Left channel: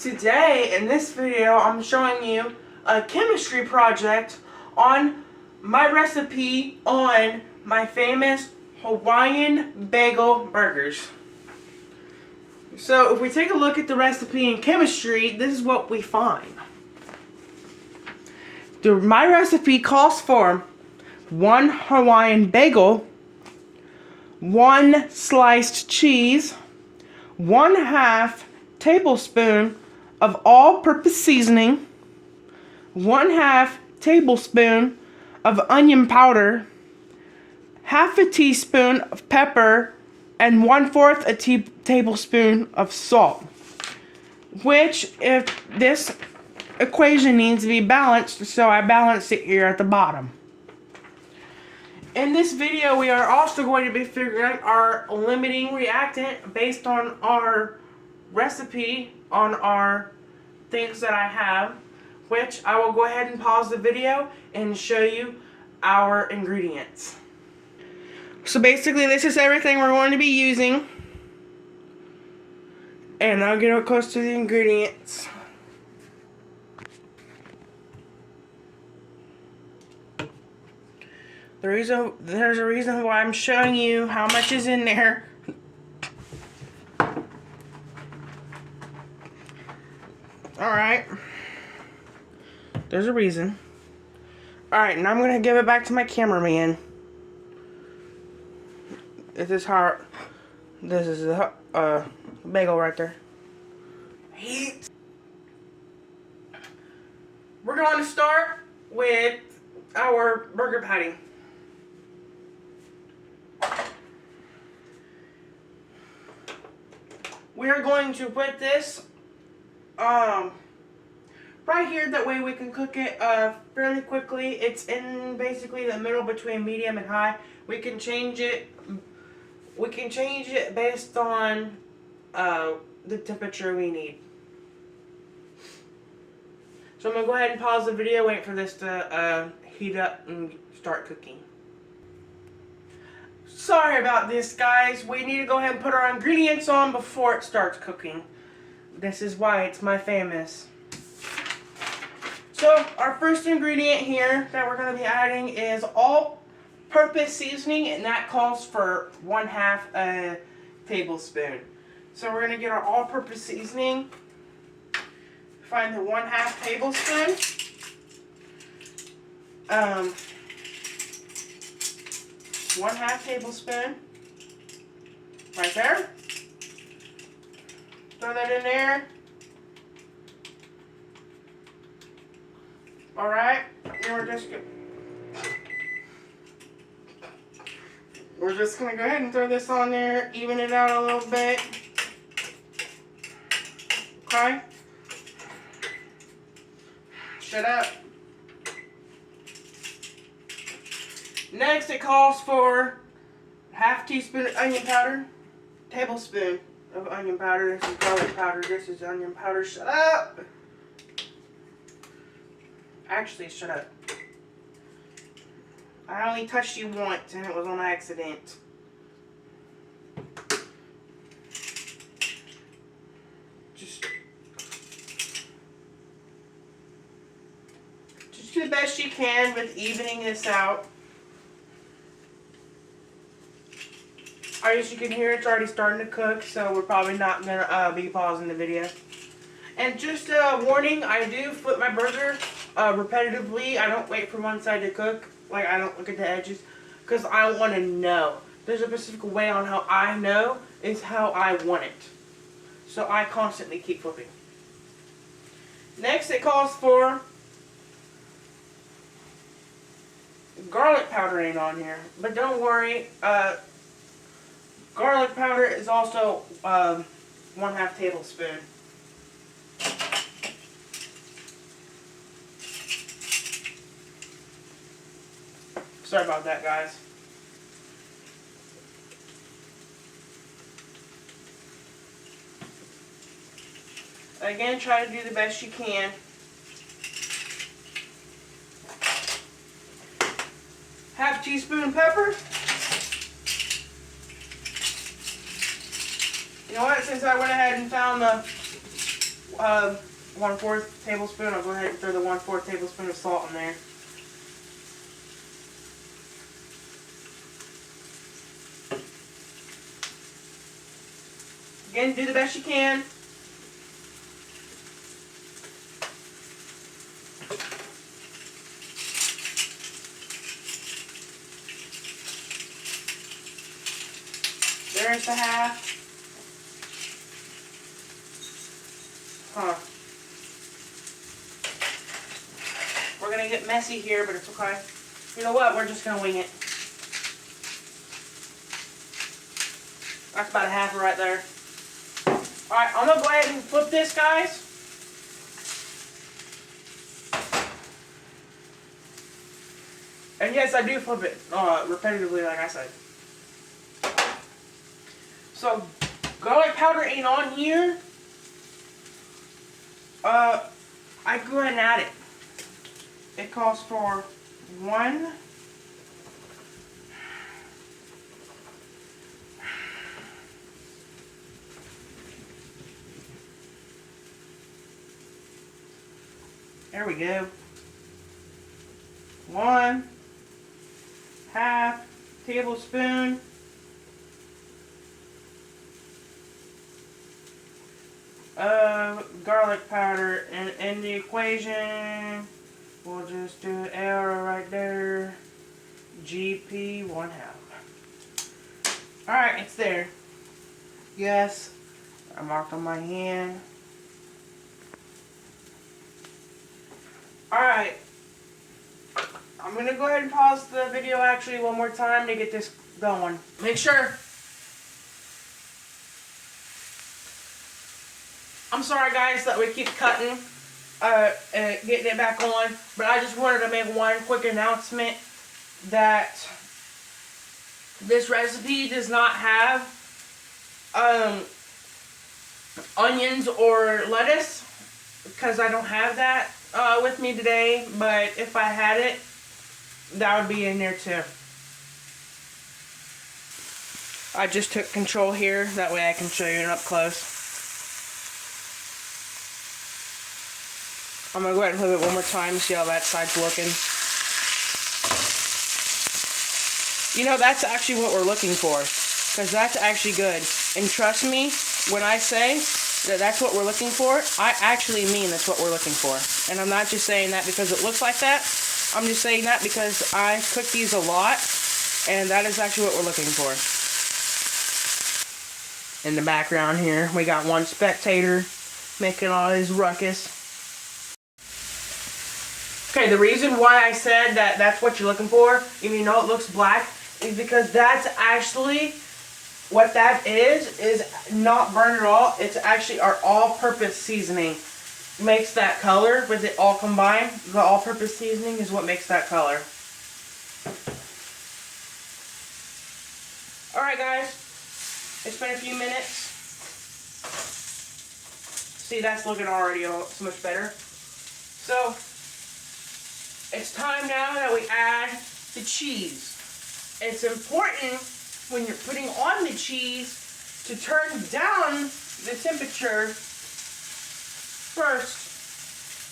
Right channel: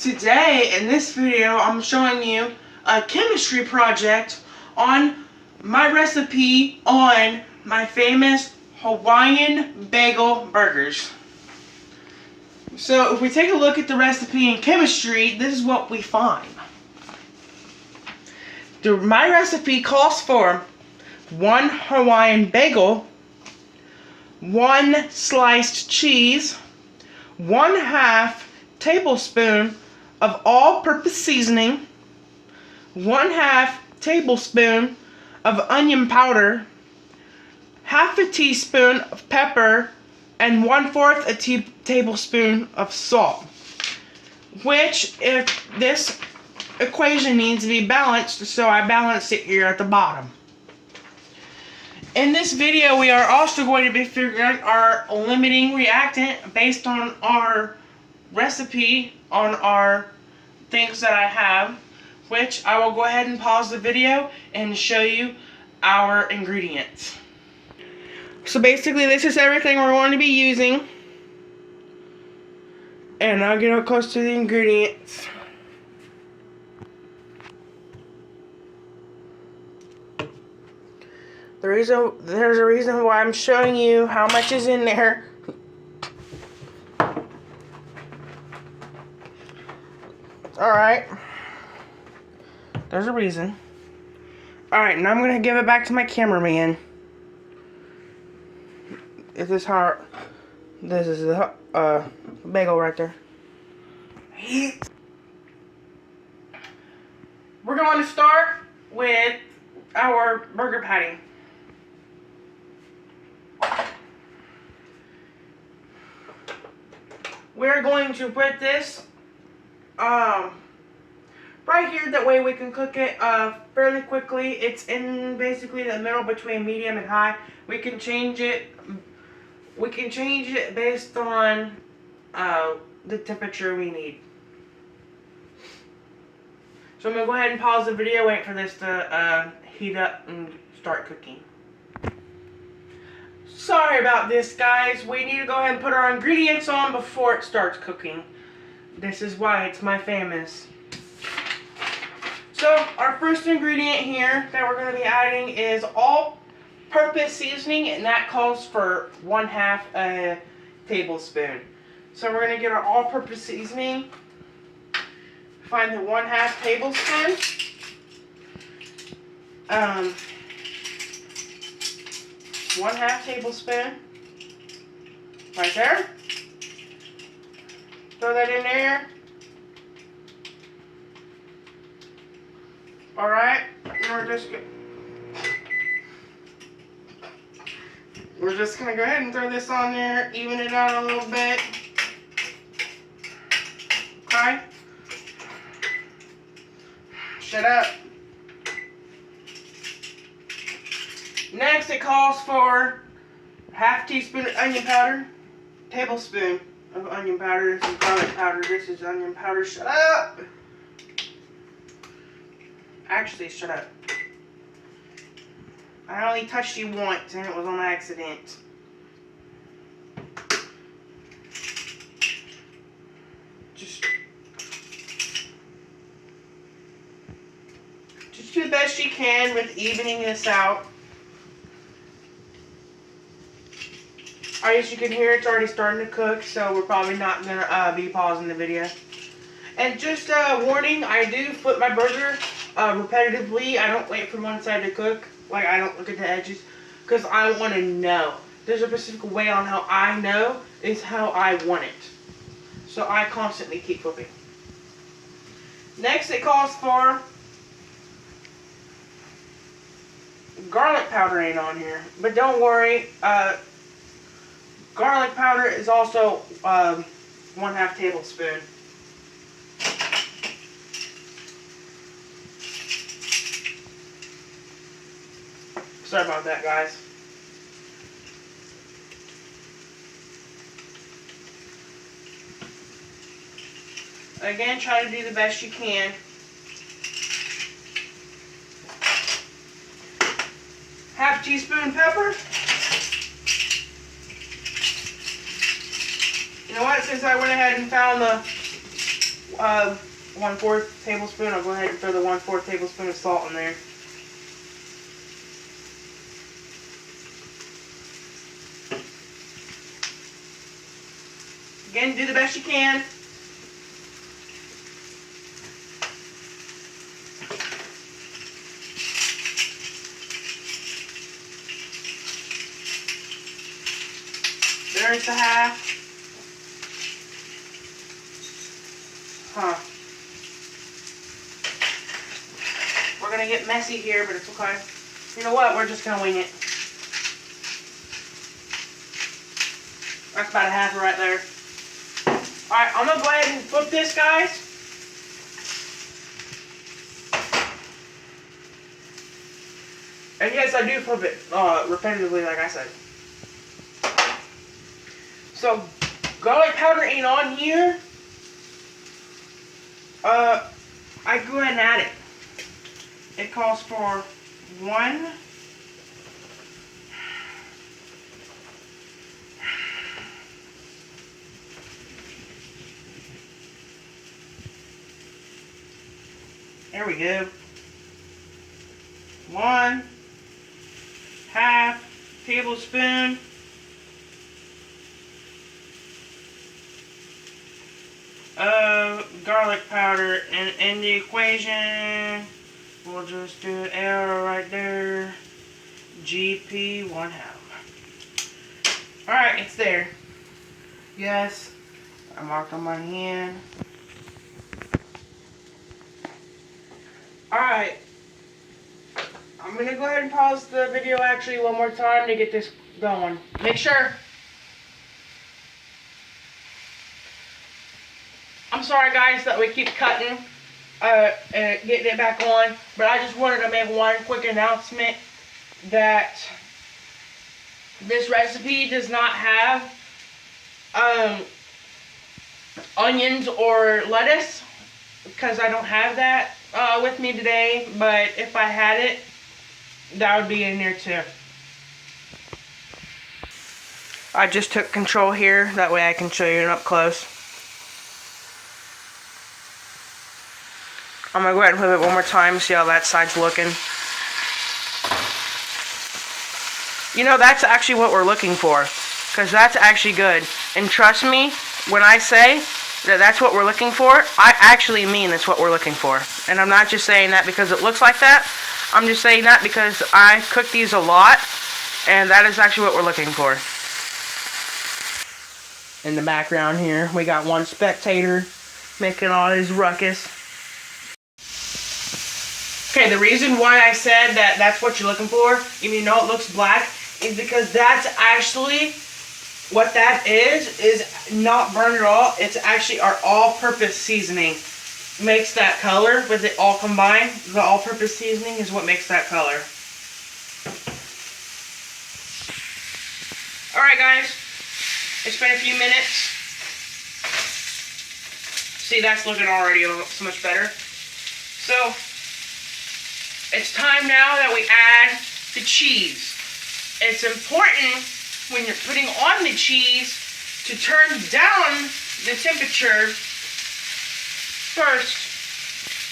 Today, in this video, I'm showing you a chemistry project on my recipe on my famous Hawaiian bagel burgers. So, if we take a look at the recipe in chemistry, this is what we find. My recipe calls for 1 Hawaiian bagel, 1 sliced cheese, 1/2 tablespoon of all-purpose seasoning, 1/2 tablespoon of onion powder, 1/2 teaspoon of pepper, and 1/4 tablespoon of salt. Which, if this equation needs to be balanced, so I balanced it here at the bottom. In this video, we are also going to be figuring our limiting reactant based on our recipe on our things that I have, which I will go ahead and pause the video and show you our ingredients. So basically, this is everything we're going to be using, and I'll get up close to the ingredients. There's a reason why I'm showing you how much is in there. Alright. There's a reason. Alright, now I'm going to give it back to my cameraman. This is the bagel right there. We're going to start with our burger patty. We're going to put this right here, that way we can cook it fairly quickly. It's in basically the middle between medium and high. We can change it based on the temperature we need. So I'm going to go ahead and pause the video, wait for this to heat up and start cooking. Sorry about this, guys. We need to go ahead and put our ingredients on before it starts cooking. This is why it's my famous. So, our first ingredient here that we're going to be adding is all-purpose seasoning, and that calls for 1/2 tablespoon. So, we're going to get our all-purpose seasoning. Find the 1/2 tablespoon. 1/2 tablespoon. Right there. Throw that in there. Alright, now we're just gonna go ahead and throw this on there, even it out a little bit. Okay? Shut up. Next, it calls for 1/2 teaspoon of onion powder, tablespoon of onion powder. This is garlic powder. This is onion powder. Shut up. Actually, shut up. I only touched you once, and it was on accident. Just do the best you can with evening this out. As you can hear, it's already starting to cook, so we're probably not going to be pausing the video. And just a warning, I do flip my burger repetitively. I don't wait for one side to cook. Like, I don't look at the edges, because I want to know. There's a specific way on how I know is how I want it. So I constantly keep flipping. Next, it calls for garlic powder ain't on here. But don't worry, garlic powder is also 1/2 tablespoon. Sorry about that, guys. Again, try to do the best you can. Half teaspoon pepper. You know what? Since I went ahead and found the 1/4 tablespoon. I'll go ahead and throw the 1/4 tablespoon of salt in there. Again, do the best you can. There's the half. We're gonna get messy here, but it's okay. You know what? We're just gonna wing it. That's about a half right there. Alright, I'm gonna go ahead and flip this, guys. And yes, I do flip it repetitively, like I said. So, garlic powder ain't on here. I go ahead and add it. It calls for 1. There we go. 1/2 tablespoon of garlic powder, and in the equation we'll just do an arrow right there. GP 1/2. Alright, it's there. Yes, I marked on my hand. Alright, I'm going to go ahead and pause the video actually one more time to get this going. Make sure. I'm sorry guys that we keep cutting, getting it back on, but I just wanted to make one quick announcement that this recipe does not have onions or lettuce, because I don't have that with me today, but if I had it, that would be in there too. I just took control here, that way I can show you up close. I'm going to go ahead and flip it one more time, see how that side's looking. You know, that's actually what we're looking for, because that's actually good. And trust me, when I say that that's what we're looking for, I actually mean that's what we're looking for. And I'm not just saying that because it looks like that. I'm just saying that because I cook these a lot, and that is actually what we're looking for. In the background here, we got one spectator making all his ruckus. Okay, the reason why I said that that's what you're looking for, even though it looks black, is because that's actually what that is not burned at all. It's actually our all-purpose seasoning. Makes that color with it all combined. The all-purpose seasoning is what makes that color. Alright guys, it's been a few minutes. See, that's looking already so much better. So, it's time now that we add the cheese. It's important when you're putting on the cheese to turn down the temperature first,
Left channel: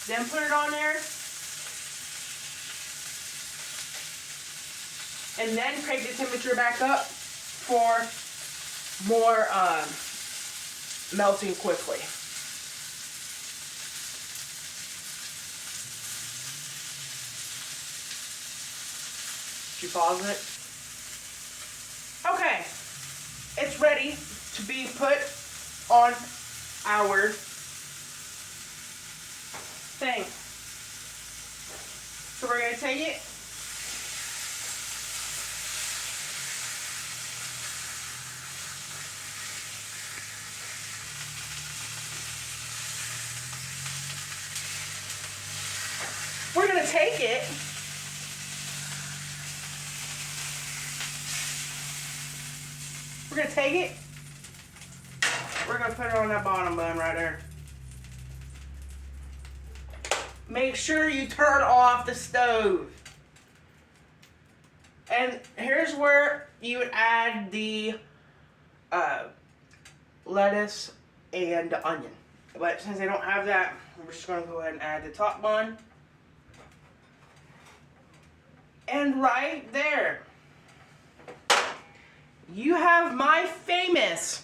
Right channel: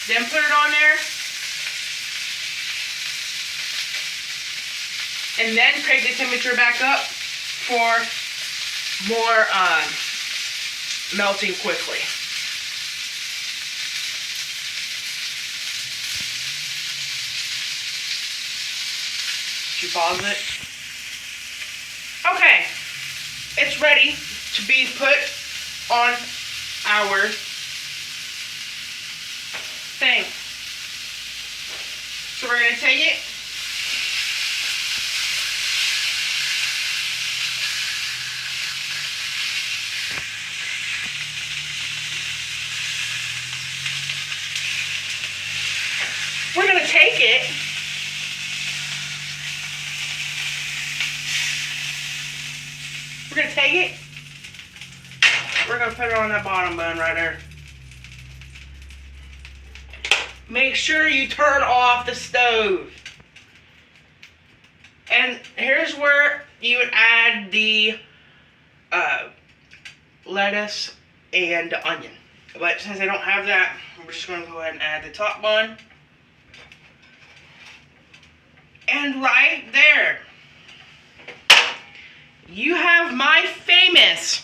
then put it on there, and then crank the temperature back up for more melting quickly. Should you pause it? Okay, it's ready to be put on our thing. So we're going to take it. We're going to take it. We're going to take it. We're going to put it on that bottom bun right there. Make sure you turn off the stove. And here's where you would add the lettuce and onion. But since I don't have that, we're just going to go ahead and add the top bun. And right there, you have my famous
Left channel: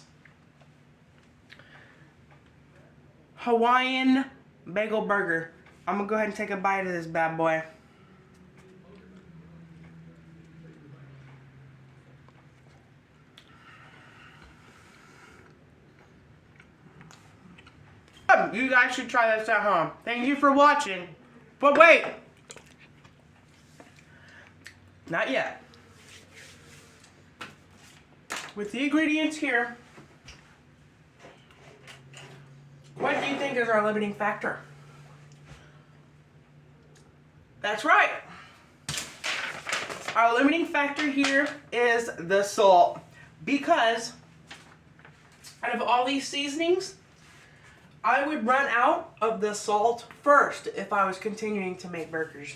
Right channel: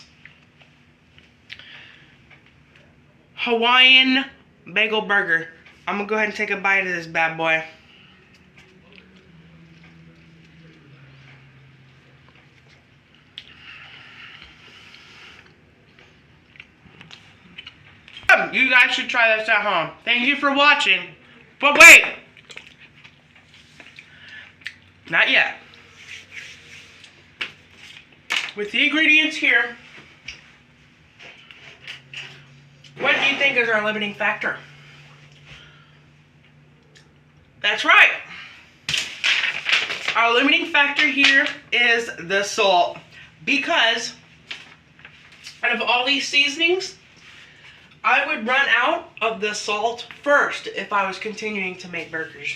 Hawaiian bagel burger. I'm going to go ahead and take a bite of this bad boy. You guys should try this at home. Thank you for watching. But wait! Not yet. With the ingredients here, what do you think is our limiting factor? That's right. Our limiting factor here is the salt. Because out of all these seasonings, I would run out of the salt first if I was continuing to make burgers.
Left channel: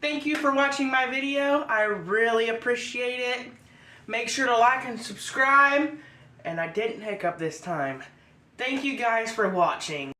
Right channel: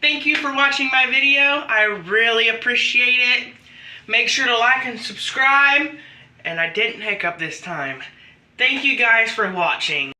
Thank you for watching my video. I really appreciate it. Make sure to like and subscribe. And I didn't hiccup this time. Thank you guys for watching.